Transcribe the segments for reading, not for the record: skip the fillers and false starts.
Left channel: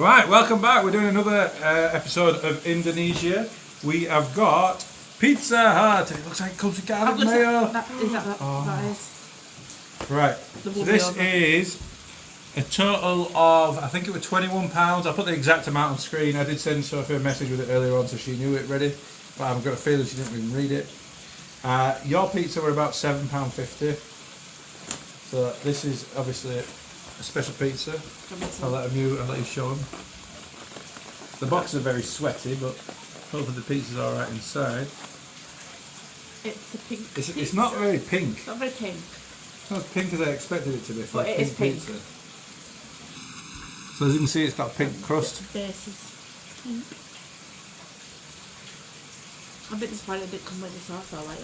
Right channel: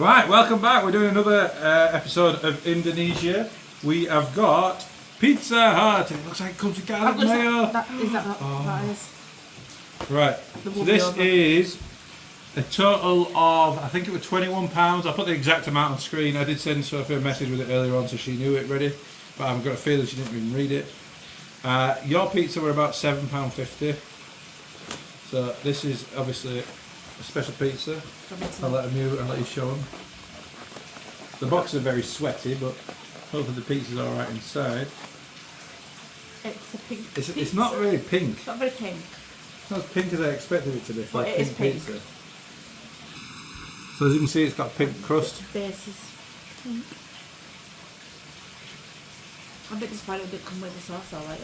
Right, welcome back. We're doing another episode of Indonesia. We have got Pizza Hut. It looks like it comes with garlic mayo. That is. Right, so this is a total of, I think it was £21. I'll put the exact amount on screen. I did send Sophie a message with it earlier on so she knew it ready, but I've got a feeling she didn't even read it. Your pizza were about £7.50. So this is obviously a special pizza. I'll let them mute and let you show them. The boxes are very sweaty, but hopefully the pizza's alright inside. It's a pink It's not really pink. It's not very pink. It's not as pink as I expected it to be for a it is pink pink. pizza. So as you can see, it's got a pink crust. The base is pink. I'm a bit disappointed it didn't come with the sauce though, like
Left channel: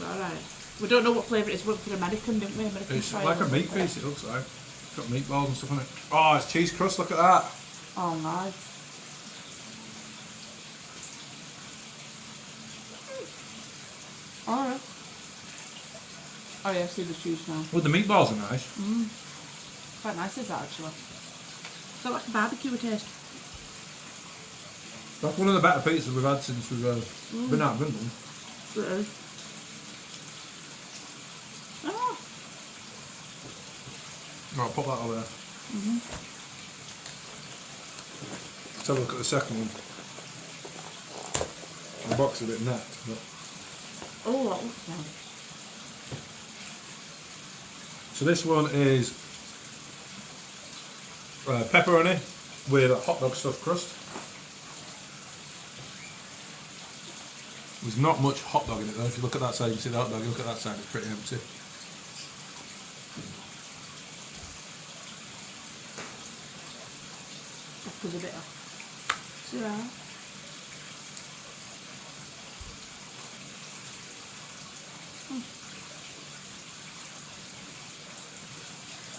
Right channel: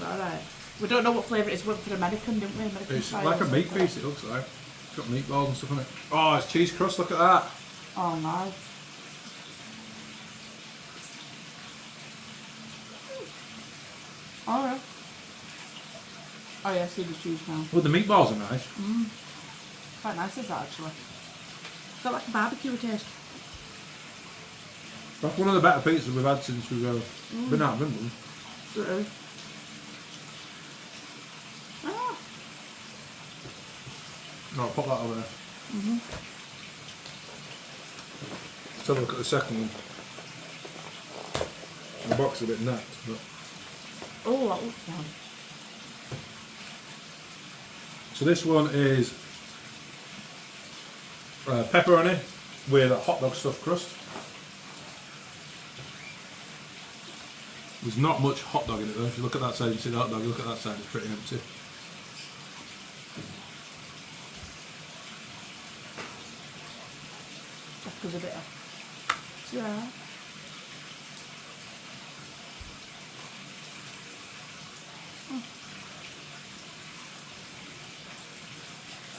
that. Alright. We don't know what flavour it is. We went for the American, didn't we? American It's style like a or meat something. piece, it looks like. It's got meatballs and stuff on it. Oh, it's cheese crust, look at that. Oh, nice. Oh, yeah. Oh, yeah, I see the cheese now. Well, the meatballs are nice. Quite nice, is that actually? It's got like a barbecue taste. That's one of the better pizzas we've had since we've been out of England. It is. Oh. I'll pop that over there. Let's have a look at the second one. The box is a bit napped, but... Oh, that looks nice. So this one is pepperoni with a hot dog stuffed crust. There's not much hot dog in it though. If you look at that side, you see the hot dog. Look at that side, it's pretty empty. That was a bit of... Yeah.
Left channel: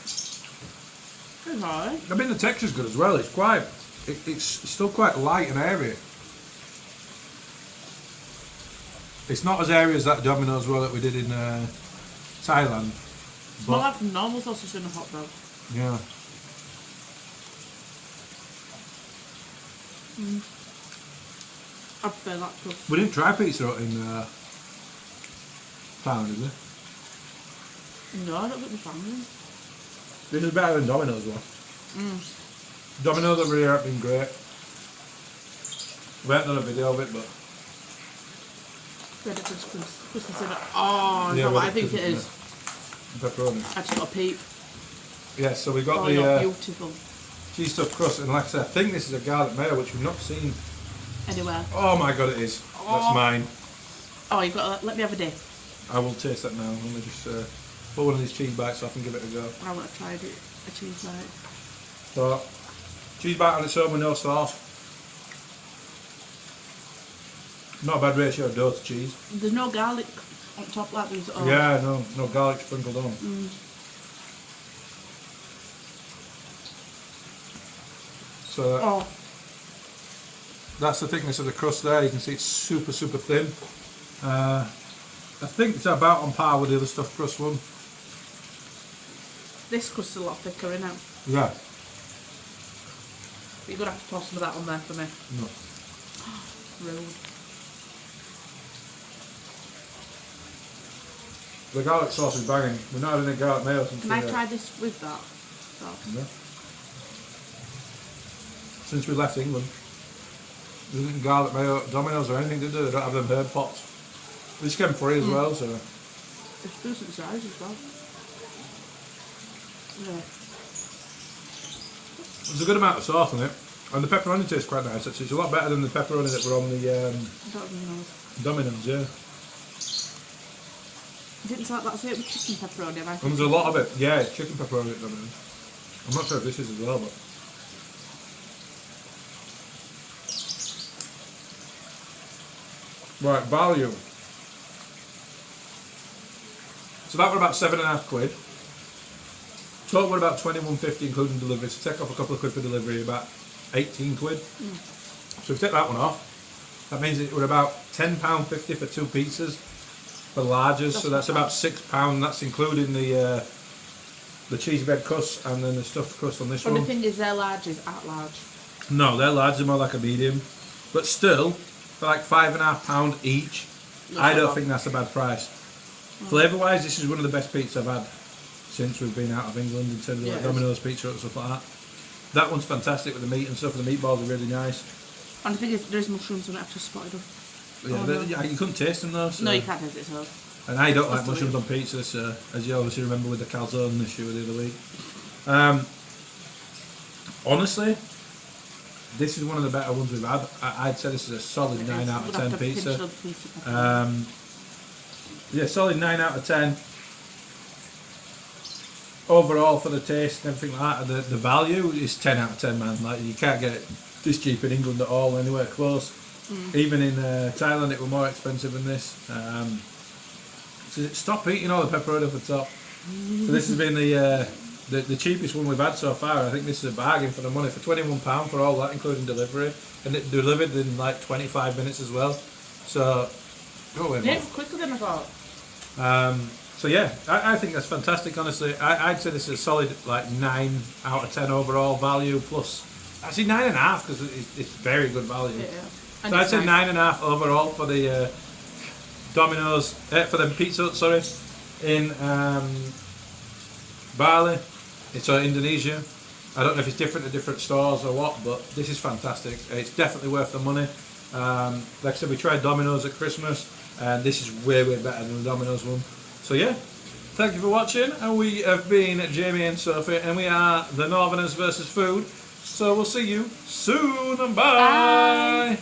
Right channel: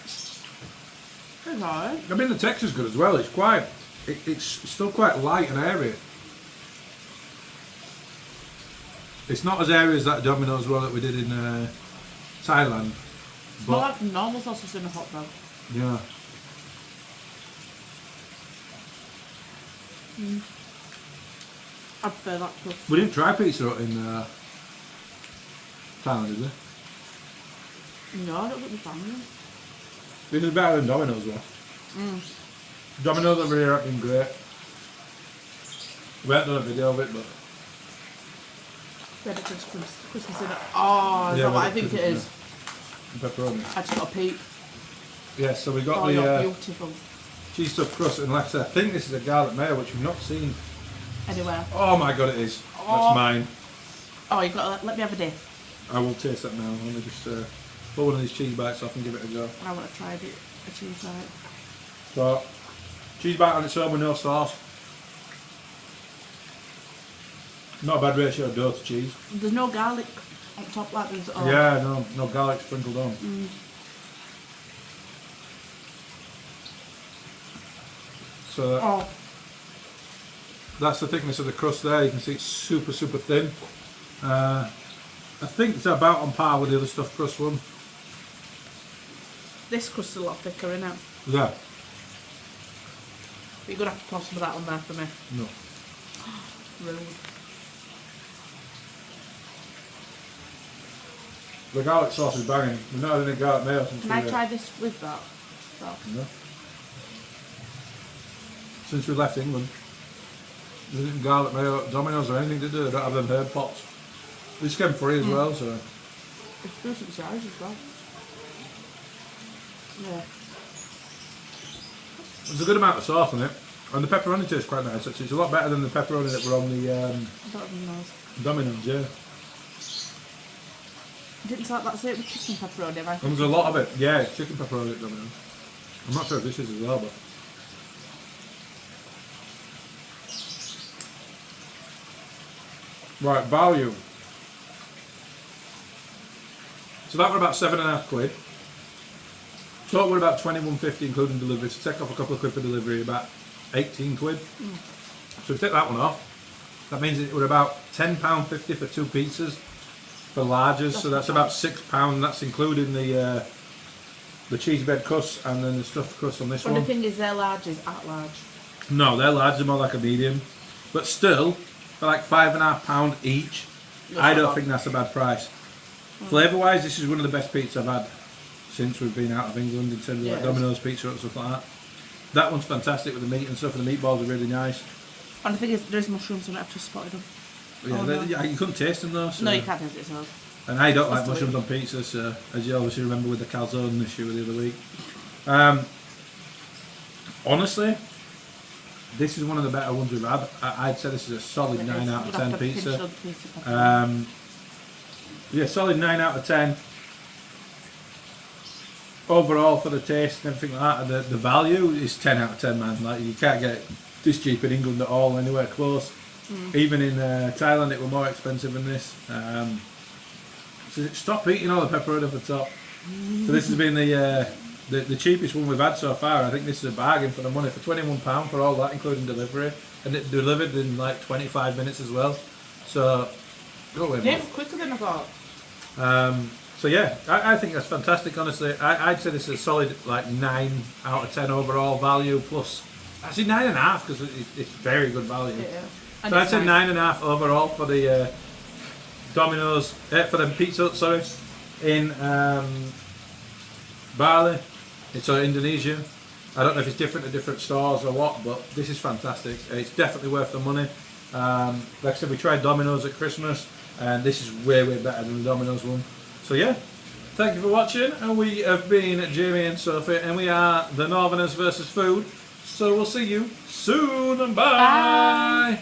It's alright. I mean, the texture's good as well. It's quite, it's still quite light and airy. It's not as airy as that Domino's roll that we did in Thailand. It's not like normal sausage in a hot dog. Yeah. I prefer that to... We didn't try Pizza Hut in Thailand, did we? No, I don't think we found them. This is better than Domino's one. Domino's over here have been great. We haven't done a video of it, but... Ready for Christmas in it. Oh, is Yeah, that what I ready think for it is? Pepperoni. I just got a peep. Yes, so we got Oh, the you're beautiful. cheese stuffed crust, and like I said, I think this is a garlic mayo, which we've not seen. Anywhere. Oh my god, it is. Oh. That's mine. Oh, you got to let me have a dip. I will taste that now. Let me just put one of these cheese bites so I can give it a go. I want to try a cheese bite. So, cheese bite on its own with no sauce. Not a bad ratio of dough to cheese. There's no garlic on top like there's... Oh. Yeah, no garlic sprinkled on. So Oh. that's the thickness of the crust there. You can see it's super, super thin. I think it's about on par with the other stuffed crust one. This crust's a lot thicker, isn't it? Yeah. But you're going to have to toss some of that on there for me. No. Rude. The garlic sauce is banging. We're not having any garlic mayo since Can I try this with that? No. Since we left England. There isn't garlic mayo, Domino's or anything to do. They don't have them herb pots. This came free as well, so... It's decent size as well. Yeah. There's a good amount of sauce on it. And the pepperoni tastes quite nice actually. It's a lot better than the pepperoni that were on the I don't even know. Domino's, yeah. I think it's like that certain chicken pepperoni. And there's a lot of it. Yeah, it's chicken pepperoni at Domino's. I'm not sure if this is as well, but... Right, value. So that were about £7.50. Total were about £21.50 including delivery. So take off a couple of quid for delivery, about 18 quid. So if we take that one off, that means it were about £10.50 for 2 pizzas for larges. So that's about £6. That's including the the cheese bread crust and then the stuffed crust on this Well, the one. thing is, their large is at large. No, they're large, they're more like a medium. But still, for like £5.5 each, I don't think that's a bad price. Flavour wise, this is one of the best pizzas I've had since we've been out of England in terms of like Domino's pizza and stuff like that. That one's fantastic with the meat and stuff, and the meatballs are really nice. And the thing is, there's mushrooms and I actually spotted them. But yeah, you couldn't taste them though. So. No, you can't taste it, so. And I don't like mushrooms on pizza, so as you obviously remember with the calzone issue the other week. Honestly, this is one of the better ones we've had. I'd say this is a solid 9 out of 10 pizza. Yeah, solid 9 out of 10. Overall for the taste and everything like that, the value is 10 out of 10, man. Like, you can't get it this cheap in England at all, anywhere close. Even in Thailand it were more expensive than this. So stop eating all the pepperoni off the top. So this has been the cheapest one we've had so far. I think this is a bargain for the money, for £21 for all that, including delivery. And it delivered in like 25 minutes as well. So, go away, Yeah, quicker than I thought. so yeah, I think that's fantastic, honestly. I'd say this is a solid like 9 out of 10 overall value plus. Actually 9.5 because it's very good value. Yeah. So I'd say 9.5 overall for the Domino's, for the pizza Hut, sorry, in Bali. It's Indonesia. I don't know if it's different at different stores or what, but this is fantastic. It's definitely worth the money. Like I said, we tried Domino's at Christmas, and this is way better than the Domino's one. So yeah, thank you for watching, and we have been Jamie and Sophie, and we are the Northerners versus Food. So we'll see you soon, and bye.